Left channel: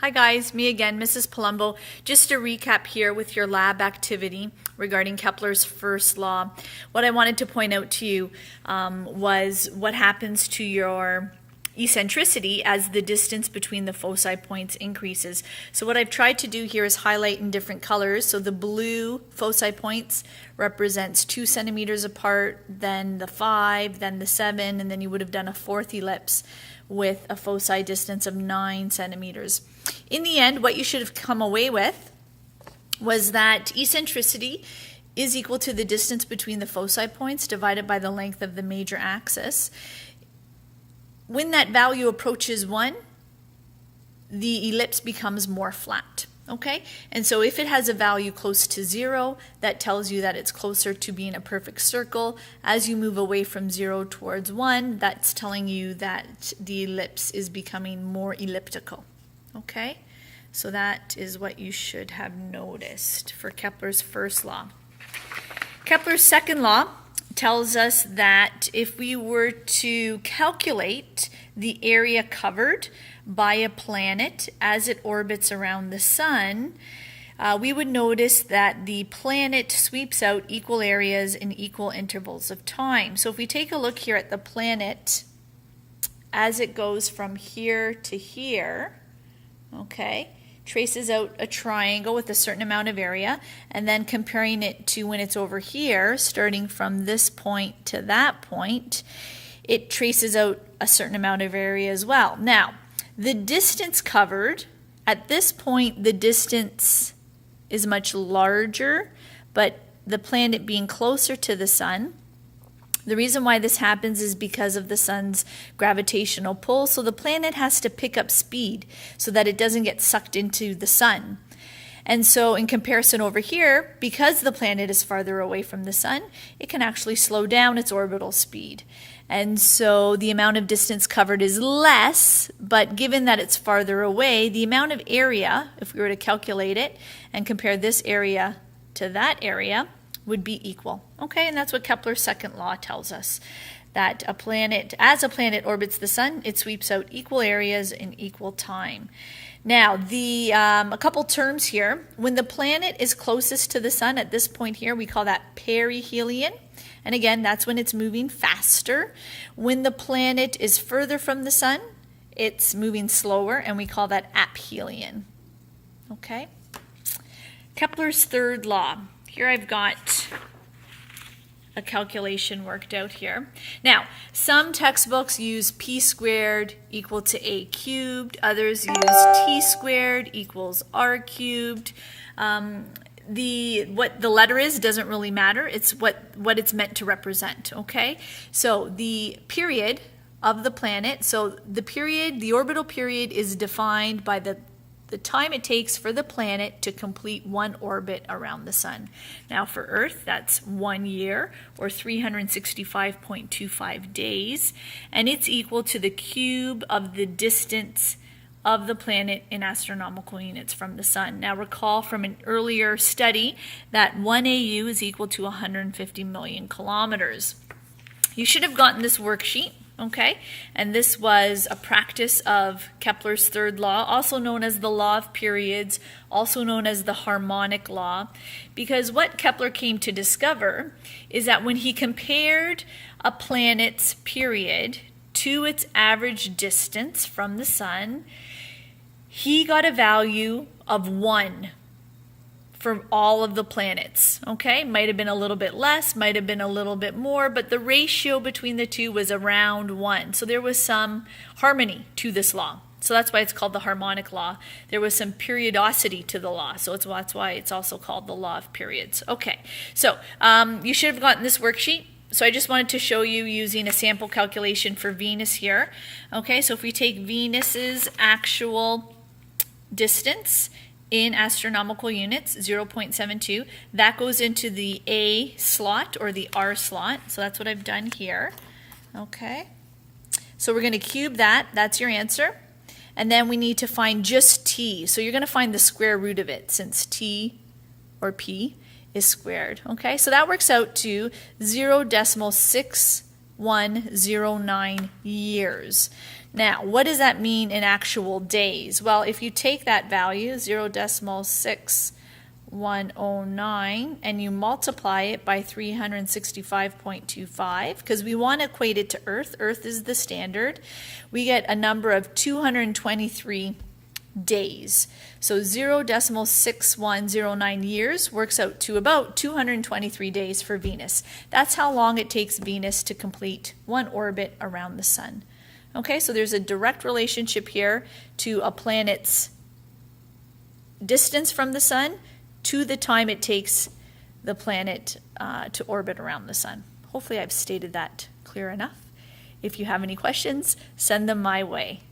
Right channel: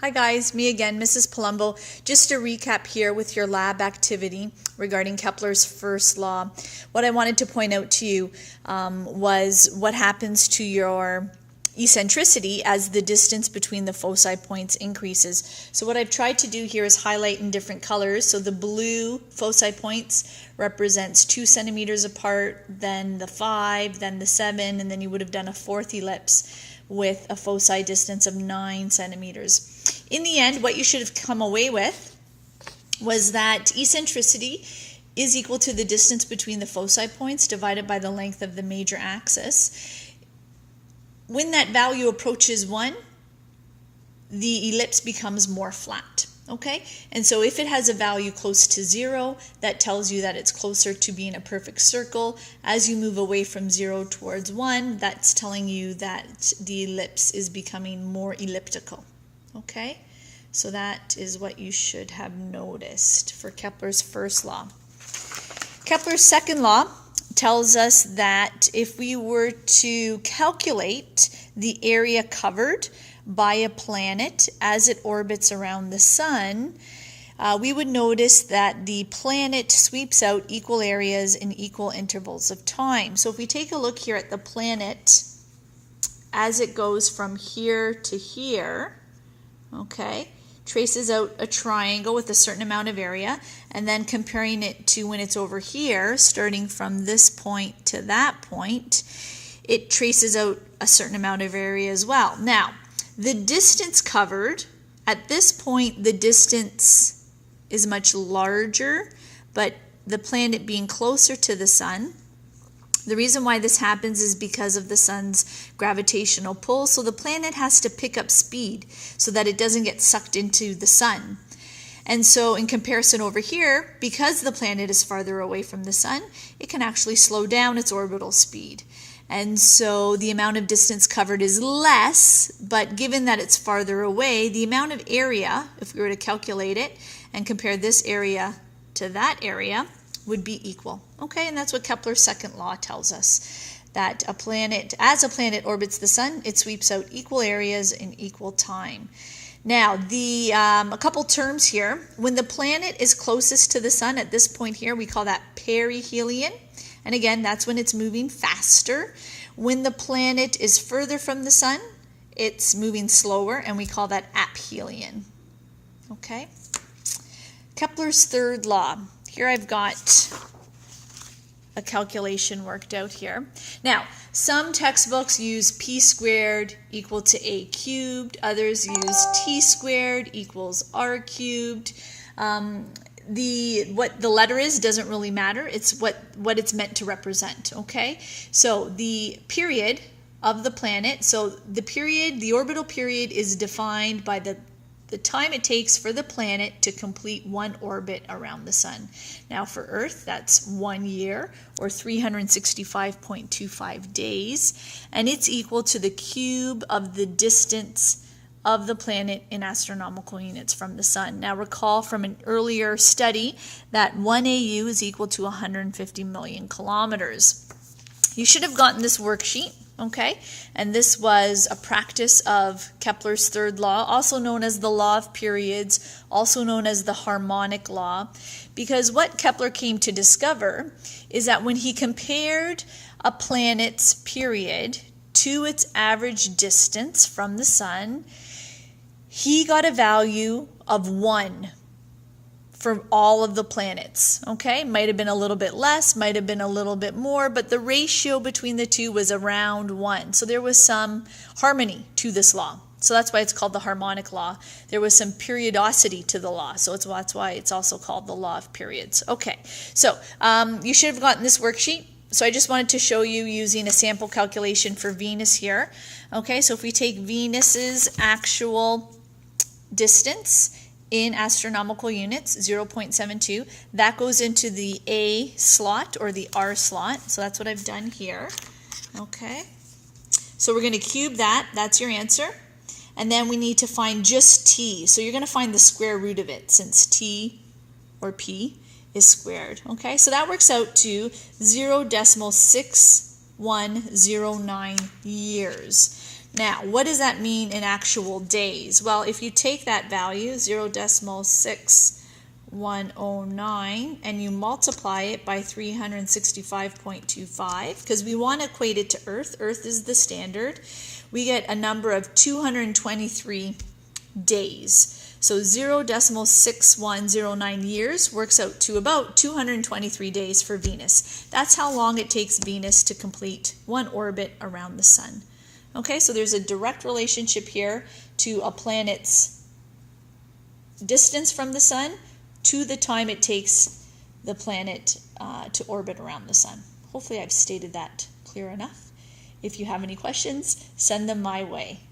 Hi guys, me again, Mrs. Palumbo. Just to recap here with your lab activity regarding Kepler's first law, what I wanted to point out to you was what happens to your eccentricity as the distance between the foci points increases. So what I've tried to do here is highlight in different colors. So the blue foci points represents 2 centimeters apart, then the 5, then the 7, and then you would have done a fourth ellipse with a foci distance of 9 centimeters. In the end, what you should have come away with was that eccentricity is equal to the distance between the foci points divided by the length of the major axis. When that value approaches 1, the ellipse becomes more flat. Okay, and so if it has a value close to 0, that tells you that it's closer to being a perfect circle. As you move away from 0 towards 1, that's telling you that the ellipse is becoming more elliptical. Okay, so that is what you should have noticed for Kepler's first law. Kepler's second law tells us that if we were to calculate the area covered by a planet as it orbits around the sun, we would notice that the planet sweeps out equal areas in equal intervals of time. So if we take a look here at the planet as it goes from here to here, okay, traces out a triangle with a certain amount of area, and then comparing it to when it's over here, starting from this point to that point, it traces out a certain amount of area as well. Now, the distance covered, at this point the distance is much larger, but the planet being closer to the sun. The reason why this happens is because of the sun's gravitational pull, so the planet has to pick up speed so that it doesn't get sucked into the sun. And so in comparison over here, because the planet is farther away from the sun, it can actually slow down its orbital speed. And so the amount of distance covered is less, but given that it's farther away, the amount of area, if we were to calculate it and compare this area to that area, would be equal. Okay, and that's what Kepler's second law tells us, that as a planet orbits the sun, it sweeps out equal areas in equal time. Now, a couple terms here. When the planet is closest to the sun at this point here, we call that perihelion. And again, that's when it's moving faster. When the planet is further from the sun, it's moving slower, and we call that aphelion. Okay? Kepler's third law. Here I've got a calculation worked out here. Now, some textbooks use p squared equal to a cubed. Others use t squared equals r cubed. What the letter is doesn't really matter. It's what it's meant to represent, okay? So the period of the planet, so the orbital period is defined by the time it takes for the planet to complete one orbit around the sun. Now for Earth, that's 1 year, or 365.25 days, and it's equal to the cube of the distance of the planet in astronomical units from the sun. Now recall from an earlier study that 1 AU is equal to 150 million kilometers. You should have gotten this worksheet, okay? And this was a practice of Kepler's third law, also known as the law of periods, also known as the harmonic law, because what Kepler came to discover is that when he compared a planet's period to its average distance from the sun, he got a value of 1 for all of the planets, okay? Might have been a little bit less, might have been a little bit more, but the ratio between the two was around 1. So there was some harmony to this law. So that's why it's called the harmonic law. There was some periodicity to the law, so that's why it's also called the law of periods. Okay, so you should have gotten this worksheet. So I just wanted to show you using a sample calculation for Venus here. Okay, so if we take Venus's actual distance in astronomical units, 0.72, that goes into the A slot or the R slot. So that's what I've done here. Okay, so we're going to cube that. That's your answer. And then we need to find just T. So you're going to find the square root of it since T or P is squared. Okay, so that works out to 0.6109 years. Now, what does that mean in actual days? Well, if you take that value, 0.6109, and you multiply it by 365.25, because we want to equate it to Earth. Earth is the standard. We get a number of 223 days. So 0.6109 years works out to about 223 days for Venus. That's how long it takes Venus to complete one orbit around the sun. Okay, so there's a direct relationship here to a planet's distance from the sun to the time it takes the planet to orbit around the sun. Hopefully I've stated that clear enough. If you have any questions, send them my way.